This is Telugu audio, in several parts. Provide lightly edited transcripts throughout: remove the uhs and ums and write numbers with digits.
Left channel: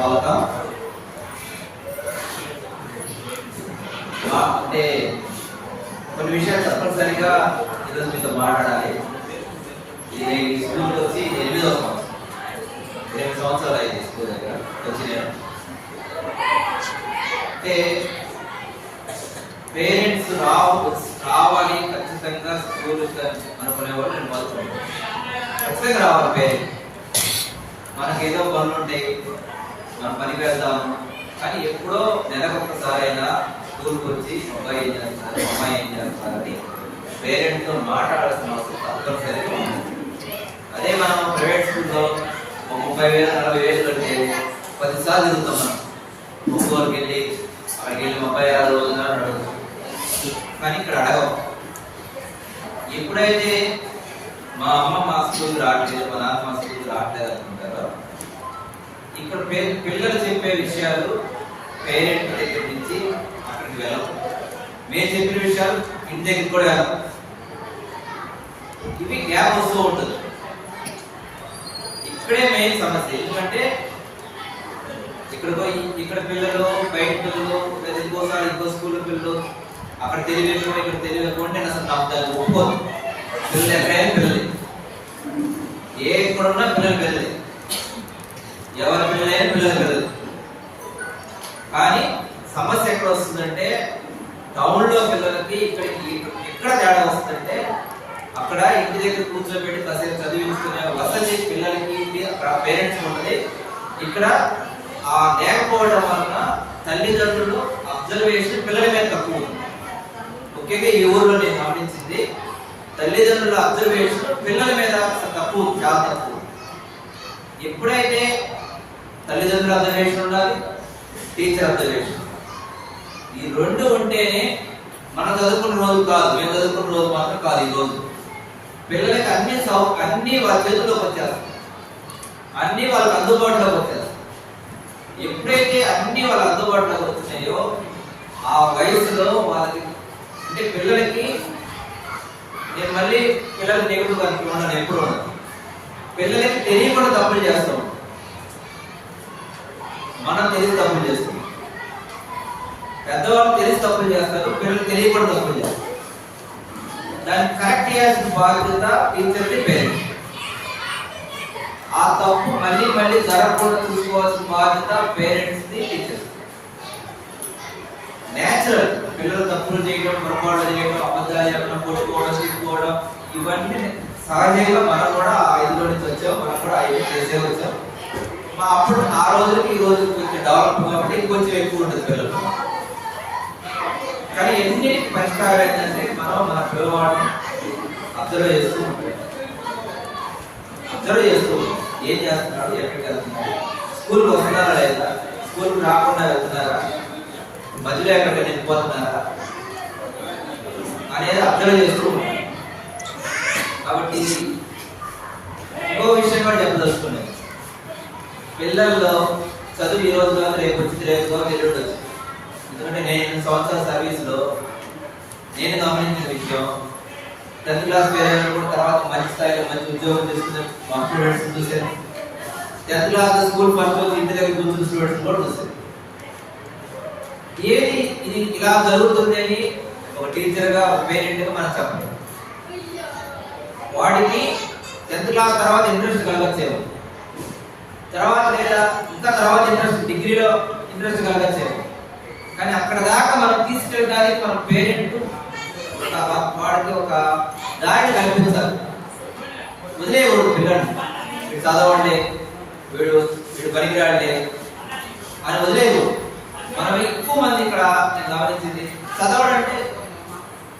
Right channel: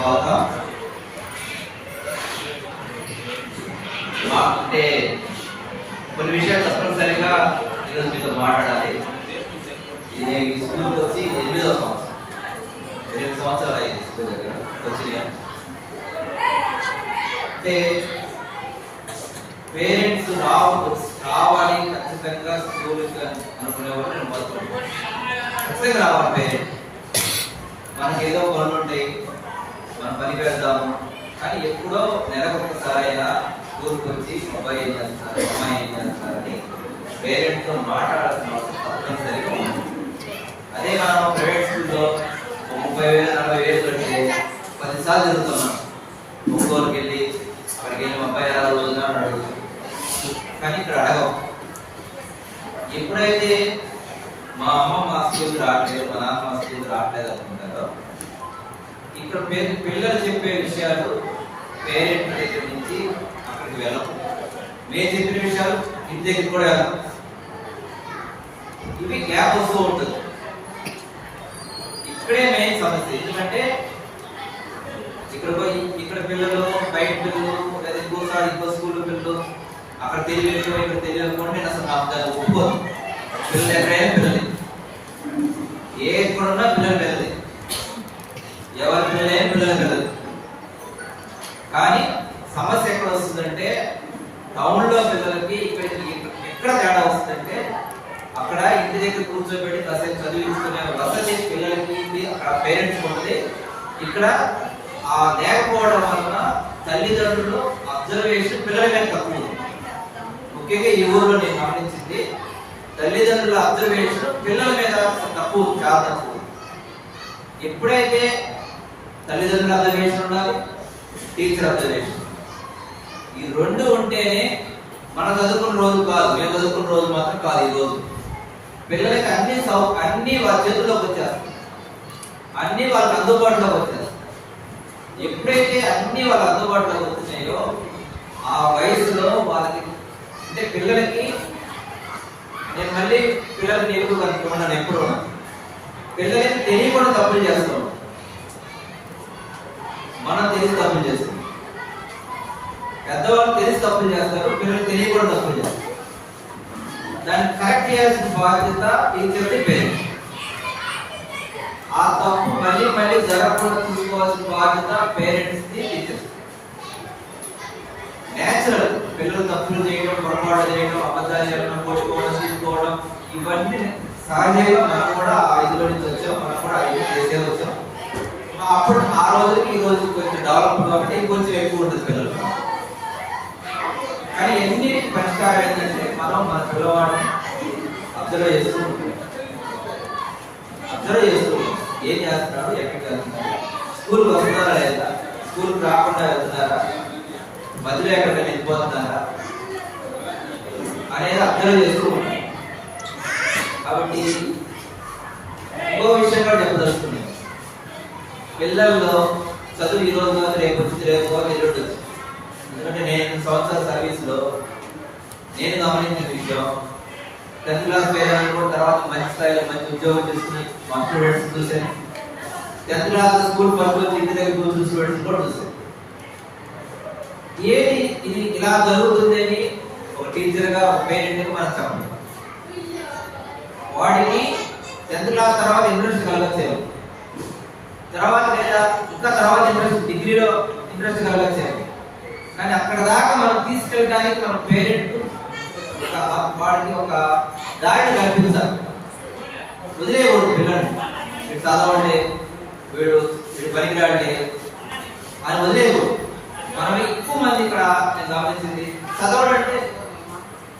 స్వాగతం. అంటే కొన్ని విషయాలు తప్పనిసరిగా ఈరోజు మీతో మాట్లాడాలి. ఇది స్కూల్కి వచ్చి 8వ సంవత్సరం, 8 సంవత్సరాలు అయింది స్కూల్ దగ్గర వచ్చి. అంటే పేరెంట్స్ రావాలి ఖచ్చితంగా స్కూల్కి అనుకునేవాళ్ళు నేను మొత్తం ఖచ్చితంగా రావాలి. పేరెంట్స్ మనకి ఏదో పనులు ఉంటాయి, మనం పనికి వెళ్దాము, కానీ ఎప్పుడో నెలకు ఒక్కసారి అయినా స్కూల్కి వచ్చి అబ్బాయి ఏం చేస్తారు, అమ్మాయి ఏం చేస్తారని పేరెంట్స్తో మాట్లాడాల్సిన అవసరం తప్పనిసరిగా ఉంది. అదే మనం ప్రైవేట్ స్కూల్లో 30,000 40,000 పెట్టి 10 సార్లు తిరుగుతాం. మనం ఒక్కోరికి వెళ్ళి అక్కడికి వెళ్ళి 36 రోజున అడుగుతాం, కానీ ఇక్కడ అడగం. ఎప్పుడైతే మా అమ్మ మా స్కూల్ రావట్లేదు, మా నాన్న మా స్కూల్ రావట్లేదు అనుకుంటారో, ఇక్కడ పిల్లలు చెప్పే విషయాలు పేరెంట్ దగ్గర నుంచి అక్కడికి వెళ్ళం. మేము చెప్పిన విషయాలు ఇంటి దగ్గర కూడా వెళ్ళం. ఇవి గ్యాప్ వస్తూ ఉంటుంది. ఇక్కడే మెయిన్ సమస్య. ఎందుకంటే ఇక్కడ పిల్లలు, బయట పిల్లలు, లేదా ఇంకోసారి ఇంకో స్కూల్ పిల్లలు, అక్కడ తెలియకపో ఇక్కడ తెలియకపోతే నేను అసలు నాకు దాన్ని ఒప్పుకోను. పిల్లలు ఎక్కడైనా పిల్లలు, ఏ ఎక్కడున్నా పిల్లలు పిల్లలే, ఎవరి పిల్లలైనా పిల్లలు పిల్లలు. కానీ సమస్య ఎక్కడ వస్తుందంటే టౌన్లో పిల్లలకి ఇక్కడికి ఎక్కడ తేడా వస్తుందంటే అక్కడ ఇంటి దగ్గర కూర్చోబెట్టి కాసేపు చదివించుకునే వసతి పిల్లలకి అక్కడ పేరెంట్స్ ఉంటుంది. ఇక్కడ ఆ లేకపోవడం వలన తల్లిదండ్రులు అబ్జర్వేషన్ పిల్లల మీద తక్కువ ఉంది. ముఖ్యంగా ఈ ఊర్లో నేను గమనించింది, తల్లిదండ్రుల అబ్జర్వేషన్ పిల్లల మీద తక్కువ, చాలా తక్కువ. ఎప్పుడైతే తల్లిదండ్రుల అబ్జర్వేషన్ ఉండాలి, టీచర్ అబ్జర్వేషన్, ఈ రెండు ఉంటేనే మనం చదువుకున్న రోజు కాదు, మేము చదువుకున్న రోజు మాత్రం కాదు. ఈ రోజు పిల్లలకి అన్ని వాళ్ళ చేతుల్లోకి వచ్చేస్తాయి, అన్ని వాళ్ళకి అందుబాటులోకి వచ్చేస్తాయి. ఎప్పుడైతే అన్ని వాళ్ళ అందుబాటులోకి వచ్చినాయో ఆ వయసులో వాళ్ళకి, అంటే పిల్లలకి, నేను మళ్ళీ పిల్లలకి నెగిటివ్ అనుకున్నాను, ఎప్పుడు పిల్లలకి తెలియకుండా తప్పులు చేస్తాం. మనం తెలిసి తప్పులు చేస్తాం, పెద్దవాళ్ళు తెలిసి తప్పులు చేస్తారు, పిల్లలు తెలియకుండా తప్పులు చేస్తారు. దాన్ని కరెక్ట్ చేయాల్సిన బాధ్యత టీచర్ది, పేరెంట్స్. ఆ తప్పు మళ్ళీ మళ్ళీ జరగకుండా చూసుకోవాల్సిన బాధ్యత పేరెంట్స్ది, టీచర్స్. నేచురల్ పిల్లలు తప్పులు చేయడం, పొరపాటు చేయడం, అబద్ధాలు చెప్పడం, కొట్టుకోవడం, తీసుకోవడం, ఇవన్నీ సహజంగా మనం కూడా 5లో నుంచి వచ్చాం, మనం కూడా 5 చేసే వచ్చాం. అప్పుడు ఆ రోజులకి ఈ రోజు కొంచెం డెవలప్ కాబట్టి కొంచెం ఎక్కువ ఉంటుంది పిల్లలు. కానీ ఎన్ని పరిష్కారం ఏంటంటే మనం మన పిల్లవాడిని అబ్జర్వ్ చేస్తూ ఏం చేస్తున్నాడు, ఎక్కడికి వెళ్తున్నాడు, స్కూల్కి వస్తున్నారా లేదా, స్కూల్కి రాకుండా వెళ్తున్నారా, మధ్యలో ఎక్కడికి వెళ్ళిపోతున్నారా అనేది అబ్జర్వ్ చేస్తూ ఉంటాం. కాబట్టి ఇంకో విషయం కూడా చెప్పదలుచుకున్నాయి, పిల్లల్లో చదువు ఈ రోజు కాదు, రేపు వచ్చింది, రేపు ఎల్లుండి. ఎందుకంటే నేను సంవత్సరాల సర్వీస్లో నేను గమనించిన విషయం, 10th క్లాస్ పేరెంట్ కూడా తర్వాత మంచి స్థాయిలో మంచి ఉద్యోగం చేసుకునే మా స్టూడెంట్స్ చూసాను. 10th క్లాస్ స్కూల్ ఫస్ట్ రోజు ఇంటి దగ్గర కూర్చున్న స్టూడెంట్స్ కూడా చూసాను. ఏది ఇది ఇలా జరుగుతుందని ఒక టీచర్గా, ఒక పేరెంట్గా మనం చెప్పండి. వాడికి 10th క్లాస్ తర్వాత ఇంట్రెస్ట్ కలగచ్చేమో, తర్వాత లేదా ఇంకా తర్వాత ఇంట్రెస్ట్, డిగ్రీలో ఇంట్రెస్ట్ కలగచ్చేమో. కానీ అక్కడ దాకా మనం తీసుకెళ్ళడానికి మన పేరెంట్ వాడికి ఒక దారిని కల్పించాలి. వదిలేయకూడదు పిల్లల్ని, వీడు చదవండి, వీడు పనికిరాడే అని వదిలేయకూడదు. మనం ఎక్కువ మంది ఇక్కడ నేను గమనించింది, చదవడంటే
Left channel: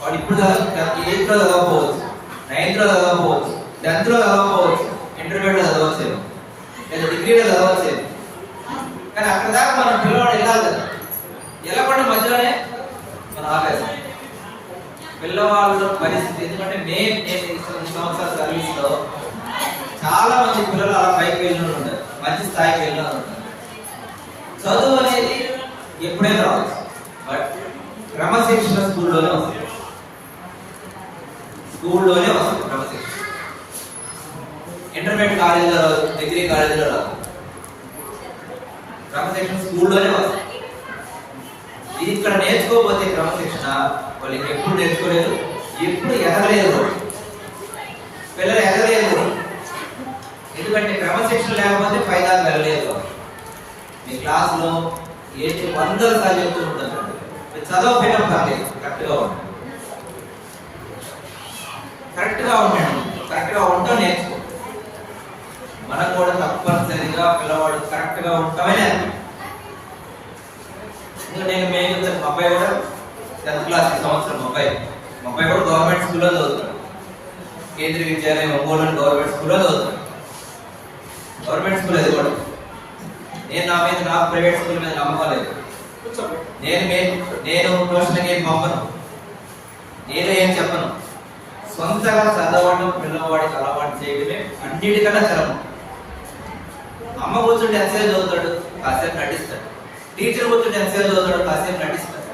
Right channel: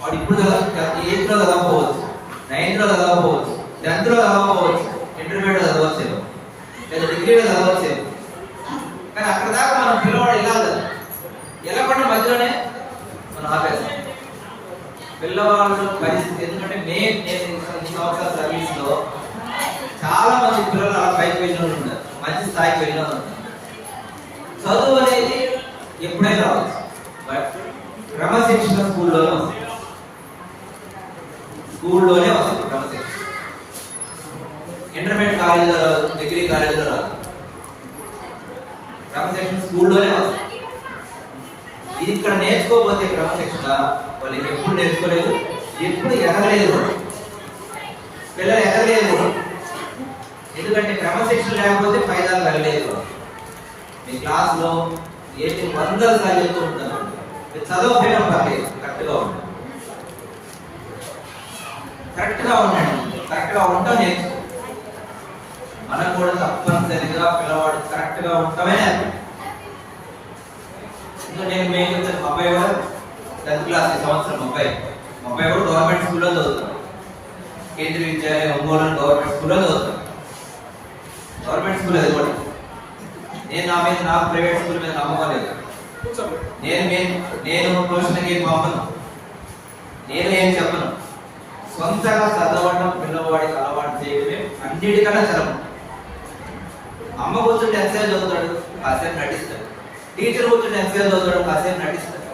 వాడు ఇప్పుడు 8లో చదవకపోవచ్చు, 9లో చదవకపోవచ్చు, 10th లో చదవకపోవచ్చు, ఇంటర్మీడియట్లో చదవచ్చేమో, లేదా డిగ్రీలో చదవచ్చేమో. కానీ అక్కడ దాకా మనం పిల్లవాడు వెళ్ళాలి కదా, వెళ్ళకుండా మధ్యలోనే మనం ఆపేస్తాం పిల్లవాళ్ళ పరిస్థితి. ఎందుకంటే నేను ఈ సంవత్సరాల సర్వీస్లో చాలా మంది పిల్లలు అలా పైకి వెళ్ళిన ఉంటారు, మంచి స్థాయికి వెళ్ళిన ఉంటారు. చదువు అనేది ఎప్పుడైనా రావచ్చు, బట్ క్రమశిక్షణ స్కూల్లోనే వస్తుంది, క్రమశిక్షణ. ఇంటర్మీడియట్ కాలేజీలో, డిగ్రీ కాలేజీలో రాదు. క్రమశిక్షణ స్కూల్లోనే వస్తుంది. ఇది ఇక్కడ నేర్చుకోకపోతే క్రమశిక్షణ వాళ్ళకి ఎప్పుడు నేర్చుకోలేదు, ఎప్పుడు ఎదగలేదు, పిల్లలు ఎదగలేదు. ఎందుకంటే క్రమశిక్షణ లేకపోతే ఫైదా కలగలేదు. మీ క్లాస్లో ఏంటి 100 సార్లు చెప్తూ ఉంటారు, చదవకపోయినా పర్లేదు, కరెక్ట్గా ఉండండి, కరెక్ట్గా ఉంటాం నేర్చుకో. మనం కూడా తప్పనిసరిగా పిల్లవాడు కరెక్ట్గా ఉంటామే. ఇంకా మేము మా అబ్బాయి కూడా 10th క్లాస్ ఈ సంవత్సరం, మా అబ్బాయి కూడా గవర్నమెంట్ స్కూల్లో చదువుతాడు. కేంద్రీయ విద్యాలయం ఒంగోలు గవర్నమెంట్ స్కూల్లో చదువుతాడు. గవర్నమెంట్ స్కూల్ అది కూడా. నేను నా ప్రైవేట్ స్కూల్ మీద నమ్మకం లేదు. నేను ట్యూషన్కి ఏం పంపను, నేను ఏం చెప్పను. సొంతగా చదవడం పిల్లవాడికి అలవాటు చేయడమే అన్నిటికన్నా చదవడం. అమ్మ కూర్చుంటే ఎంతసేపు చదువుతాడు, కాసేపు నటిస్తాడు. టీచర్ కూర్చుంటే ఎంతసేపు చదువుతాడు, కాసేపు నటిస్తాడు.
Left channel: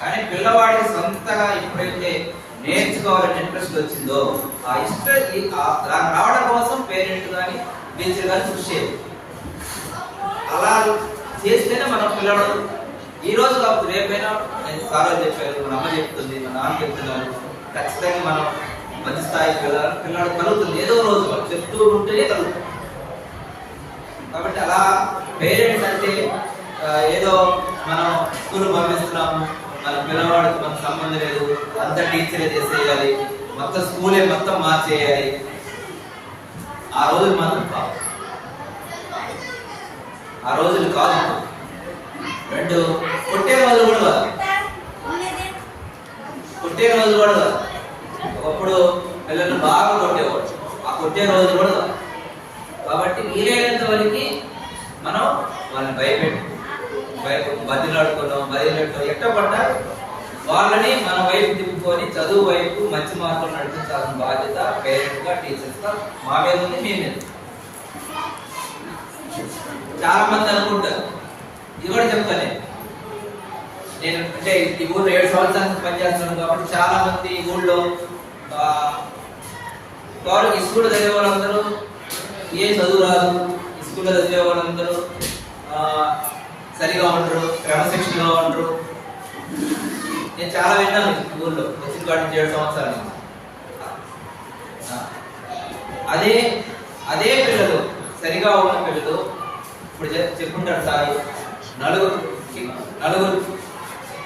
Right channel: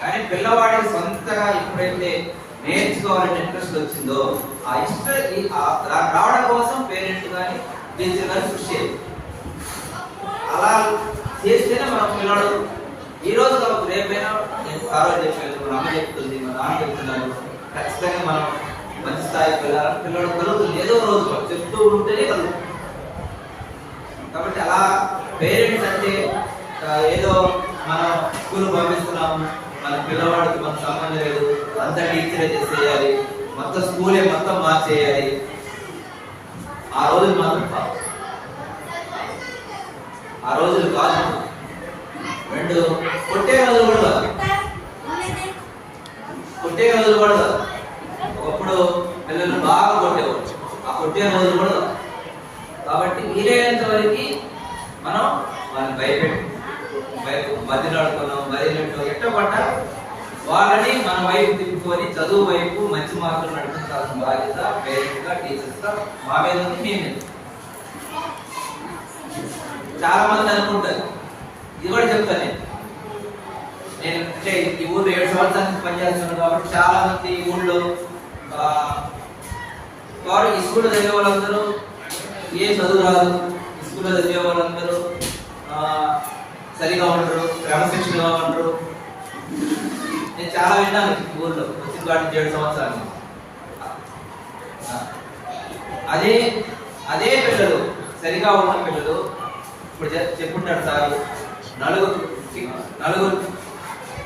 కానీ పిల్లవాడికి సొంతగా ఎప్పుడైతే నేర్చుకోవాలని ఇంట్రెస్ట్ వచ్చిందో ఆ ఇష్టం రావడం కోసం పేరెంట్ కానీ టీచర్ కానీ కృషి చేయాలి. అలా చేస్తేనే మన పిల్లడు ఈ రోజు కాకపోతే రేపైనా నేను ఫాలో చెప్పారు, మన అమ్మ చెప్తుంది, మన నాన్న చెప్తున్నారు, ఖచ్చితంగా మనం మంచి స్థాయికి వెళ్ళాలని పిల్లడు కలుగుతుంది. ఏదో రోజు చెప్తూ ఉంటేనే కలుగుతుంది. కాబట్టి అలా పేరెంట్స్ అంటే ఏదో మనం స్కూల్ పంపిస్తున్నాము, మన పిల్లవాడికి మనకు సంబంధం లేదు, అంతా టీచరే చేసేయాలి, మొత్తం స్కూలే మొత్తం మార్చేయాలి, ఆ రోజులు మాత్రం కాదు. ఆ రోజులు కాదు. 2 కొట్టే రోజులు కూడా కాదు, ఒకప్పుడు పిల్లలు బాగా కొట్టేవాడు, ఆ కొట్టే రోజు కూడా కాదు. కాబట్టి వీలైనంత వరకు మనం వాళ్ళని బదిలాడుకున్నాం, బదిలట్టు ఎట్ట పడ్డా వాళ్ళని మన వైపు తిప్పుకొని చదువు వైపు మంచి మార్కులు నడిపించాల్సిన బాధ్యత పేరెంట్స్ గా టీచర్స్ గా మా మీద ఉంది, మీ మీద. చాలా మంది అనుకుంటారు, ఇది కూడా చెప్తాను నేను అంటే ఈ ఊళ్ళో 7 సంవత్సరాల నుంచి పనిచేస్తున్నాను కాబట్టి చాలా మంది ఈ ఊళ్ళో ఈ స్కూల్ చదివే వాళ్ళందరూ ఏ చదువు రాదు, స్కూల్లో చదివే వాళ్ళందరూ సరిగా ఉండరు, క్రమశిక్షణగా ఉండరు. నేను చాలా విన్నాను ఊళ్ళో వచ్చిన కాడి నుంచి 7 సంవత్సరాలు. అదే పిల్లలు సరిగా ఉన్న పిల్లలు ఇప్పుడు చెప్పుకుంటారు సార్, నలుగురు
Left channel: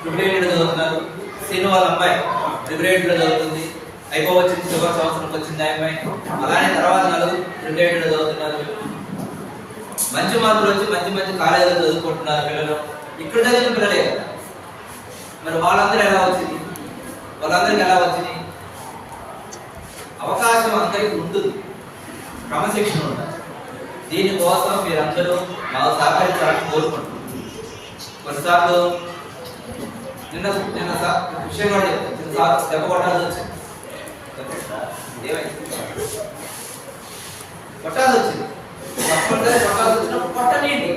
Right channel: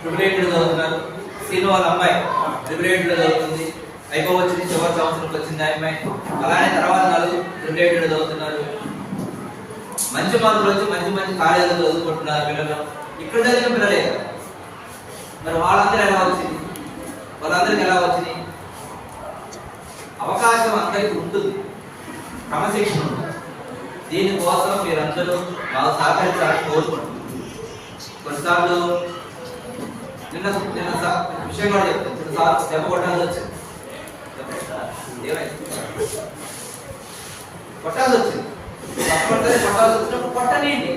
ప్రిపరేటెడ్ చదువుతున్నారు. సీను వాళ్ళ అమ్మాయి ప్రిపరేటెడ్ చదువుతుంది, అయిపోవచ్చింది, చివరి సంవత్సరంకి వచ్చింది ఆ అమ్మాయి. అలానే తర్వాత 4 ప్రిపరేటెడ్ చదువుతున్నారు, మంచి మార్కులు వచ్చి మంచి కాలేజీలో చదువుకుంటున్నారు పిల్లలు. ఇక్కడ చదివిన పిల్లలే కదా, మరి వాళ్ళందరూ ఎలా వచ్చింది, వాళ్ళందరికీ ఎలా వచ్చింది? అవకాశం అందరికీ ఉంటుంది, క్రమశిక్షణ ఉంటుంది. దీనికోసం మీరందరూ మాకు సహకరించాలని కోరుకుంటున్నారు. కొన్నిసార్లు నిన్న విషయం కూడా చెప్తాను, దెబ్బ కొట్టాల్సి వచ్చింది, కొట్టాల్సి వచ్చింది. కొట్టాల్సి వచ్చినప్పుడు కొట్టలేండి,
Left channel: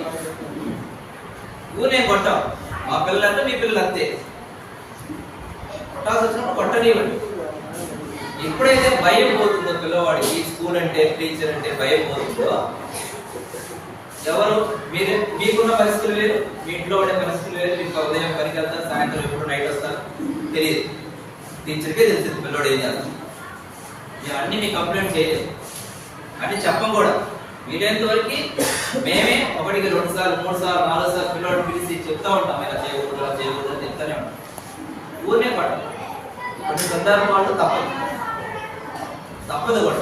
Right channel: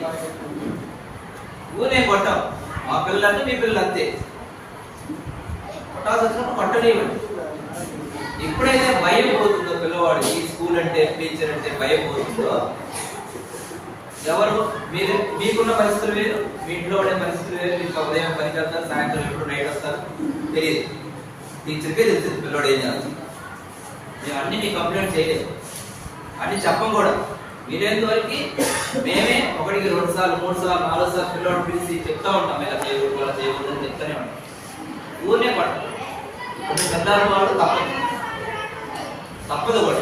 ఊనే కొట్టాం. మా పిల్లలంటే మీ పిల్లలు అంతే, కొట్టాల్సి వచ్చినప్పుడు కొట్టనివ్వండి. ఎప్పుడైతే భయం పోతుందో పిల్లవాడికి, స్కూల్ అంటే టీచర్ అంటే భయం పోతుందో, ఎవరు మీకున్న పరిస్థితులు వేరు, మీ ఇంట్లో ఉండే పరిస్థితులు వేరు. మీకు ఉదయం పనికి వెళ్తారు, సాయంత్రం ఎప్పుడు నైట్ వస్తారు, తెలియదు. టీచర్కే తెలుస్తుంది పిల్లవాడు ఏం చేస్తారు. మేము అన్ని మీ కంప్లైంట్ చేయలేదు, అన్ని చెప్పం కూడా. వీలైనంత వరకు మేమే 1కి 2 సార్లు 3 సార్లు 4 సార్లు పిల్లవాడు పిలిచి చెప్తా ఉంటాం, ఇలా చేయకూడదు అలా చేయకూడదు అని చెప్తానే ఉంటాం. ఊరినే పడతాం. కొన్ని సందర్భాలు తప్పదు కూడా.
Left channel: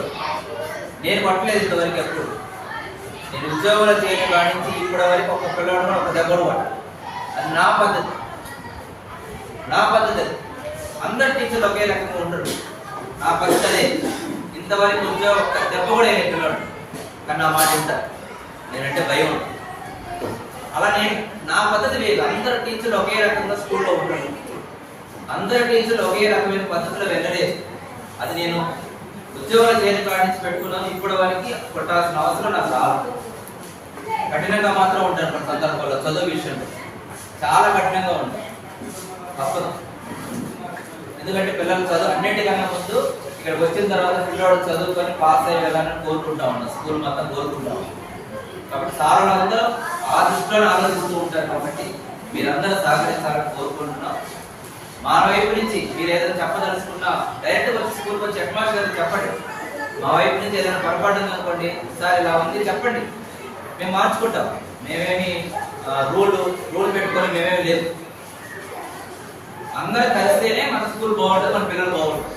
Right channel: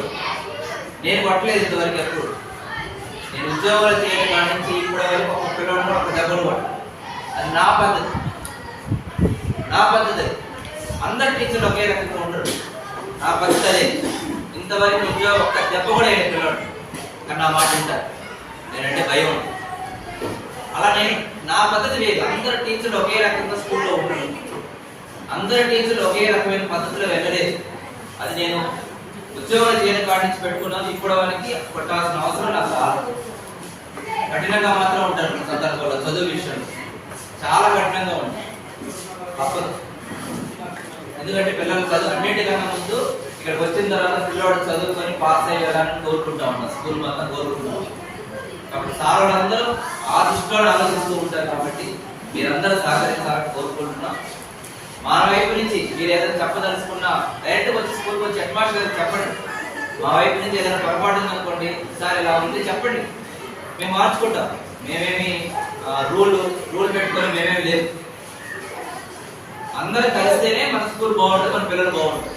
నేను పట్టలేదు ఇంతవరకు ఎప్పుడు. నేను ఉద్యోగాలు చేయడం కాడి నుంచి ఇప్పటి వరకు ఒక పిల్లవాడు ఒక దెబ్బలు పట్ట. అది నా పద్ధతి. అందరు టీచర్లు ఒకే రకంగా ఉండరు, నా పద్ధతి అదే. ఇంతవరకు ఉద్యోగం ఒక్క దెబ్బ కూడా అయిన పిల్లవాడు కానీ నా మాట వింటారు, నేనంటే భయం ఉంటుంది. అలా నా పద్ధతి లేదు. అందరు టీచర్లు ఒకే రకంగా స్కూల్లో ఉంటారు, అందరు టీచర్లు ఒకే రకమైన పద్ధతిలో వెళ్ళలేదు. అది నేను ఉద్యోగాలు చేయడం కాడి నుంచి పెట్టుకున్నాను. ఇప్పటి వరకు కొట్టాల్సిన అవసరం నాకు రాదు. కఠినంగా మాత్రం ఉంటాను మన సందర్భంలో, చదువు విషయంలో చాలా కఠినంగా ఉంటాను, తప్పదు. ఎందుకంటే పిల్లలు చదువు అన్నింటికన్నా ముందు ఇక్కడికి వచ్చిన తర్వాత పిల్లవాడు చదువుకొని పాస్ అయ్యేలాని కోరుకుంటా ఉన్నా, స్కూల్ మొత్తం కోరుకుంటాం. కాబట్టి సార్ వాళ్ళందరూ ఆ దృష్టిలో ఆలోచిస్తూ ఉంటారు. కాబట్టి మీరందరూ సహకరించాలని కోరుకుంటున్నాం. మా వైపు నుంచి మీరు ఏదైనా చెప్పదలుచుకున్నా డైరెక్ట్ వచ్చి స్కూల్కి వచ్చి హెడ్ మాస్టర్ గారికి చెప్పండి. మా వైపు నుంచి ఏదైనా పొరపాటు ఉందనుకోండి, సార్ ఇలా ఉంది చెప్పండి, మేము మార్చుకుంటాం. మేమేమి రూల్ పెట్టుకొని మేమేమి లేదు. అందరూ కలిస్తేనే మన స్కూల్ బాగుంటుంది, మన పిల్లలు బాగుంటుంది.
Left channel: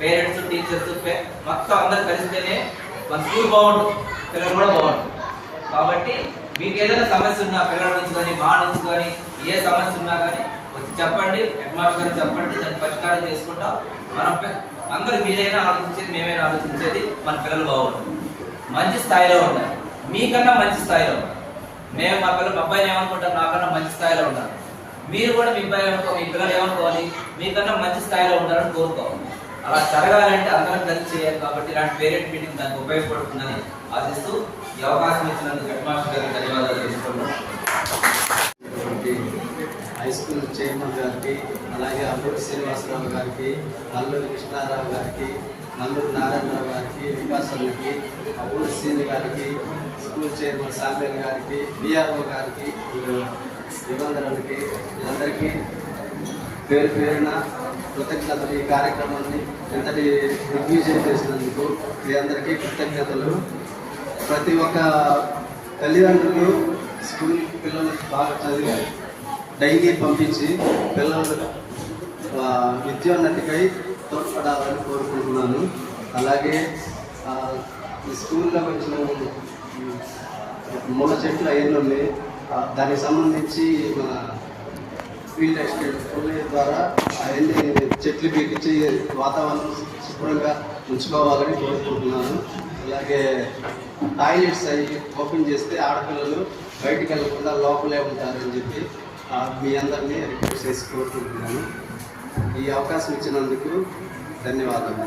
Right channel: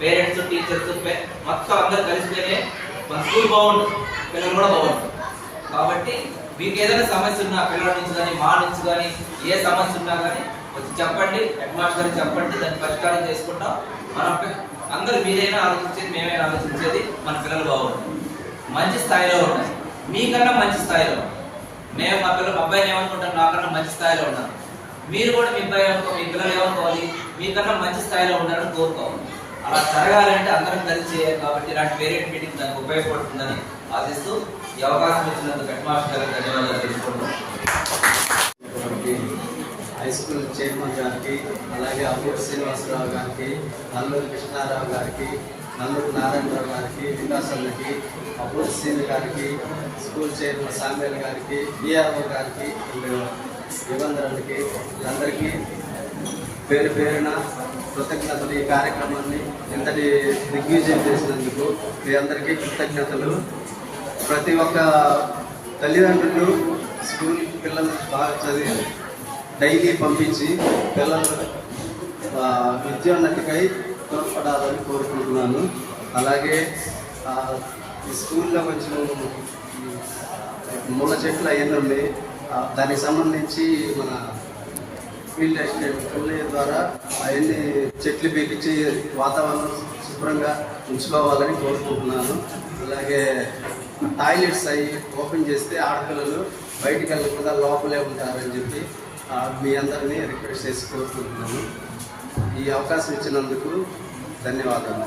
పేరెంట్స్, టీచర్స్ మొత్తం అందరూ కలిస్తేనే మన స్కూల్ బాగుంటుంది, పిల్లలు కూడా బాగుంటుంది. కాబట్టి మీకు ఏదైనా సమస్య ఉన్నా పిల్లల నుంచి కానీ మా నుంచి కానీ ఏ సమస్య ఉన్నా కానీ వచ్చి చెప్పండి, హెడ్ మాస్టర్ గారికి చెప్పండి, దాన్ని పరిష్కారం చేసుకుంటాం. మనం అందరూ మీరైనా ఆలోచించేది మేమైనా ఆలోచించేది మన పిల్లలు బాగుంటుంది, మంచి స్థాయిలో ఉండాలి, మీకన్నా మంచి స్థాయిలో ఉండాలి. నేను మా అబ్బాయిని ఏమనుకుంటాను, నాకన్నా మంచి స్థాయిలో ఉండాలి. మీరు కూడా మీ అబ్బాయి మీ పిల్లలు ఏమనుకోవాలి, మీకన్నా మంచి స్థాయిలో ఉండాలని కోరుకోవాలి. అలా జరగాలంటే అందరం కలిసి చేయాలి. కాబట్టి ఇలాంటి పేరెంట్ మీటింగ్ దానికి ఉపయోగపడుతుందని ఆశిస్తూ ఈ అవకాశం ఇచ్చినందుకు హెడ్ మాస్టర్ గారికి ధన్యవాదాలు తెలుసుకుంటున్నాం. హై స్కూల్ చైర్మన్ గారికి, అలాగే అబ్బూరి శ్రీనివాసరావు గారికి, నల్లూరు కృష్ణారావు గారికి, నల్లూరు నారాయణరావు గారికి, వికాసానికి, అబ్బూరి శ్రీని గారికి, స్కూల్ చైర్మన్ సామ్వేల్ గారికి, బిఆర్ఓ గారికి, యువంధరులకి, అందరికీ పేరు పేరున కృతజ్ఞతలు. ఈ కార్యక్రమాన్ని ఎంతటి దిగ్విజయం చేసినందుకు మీ అందరికీ కృతజ్ఞతలు. ప్రతి ఒక్క తల్లిదండ్రులు స్కూల్ పిల్లలు బాగా చదివి డైలీ పంపించి పిల్లలు విద్యోన్నతికై తోడ్పడాలని కోరుకుంటున్నాను. అలాగే ఈ స్కూల్లో కొంచెం ముళ్ళ చెట్లు అవన్నీ ఉన్నాయి, దానికి సంబంధించి మన ఫీల్డ్ ఎస్టేట్ ద్వారా అవన్నీ చెట్లు పీకించి వాతావరణం శుభ్రంగా ఉంచుకోవాలని కోరుకుంటున్నాను. అలాగే టాయిలెట్స్ అవి ఓపెన్ చేస్తే ఆడపిల్లలు బయటికి వెళ్ళకుండా లోపలే ఉంటారని చెప్పి మీ అందరినీ రిక్వెస్ట్ చేసి కోరుకుంటున్నాను. ఈ అవకాశం ఇచ్చినందుకు ధన్యవాదాలు.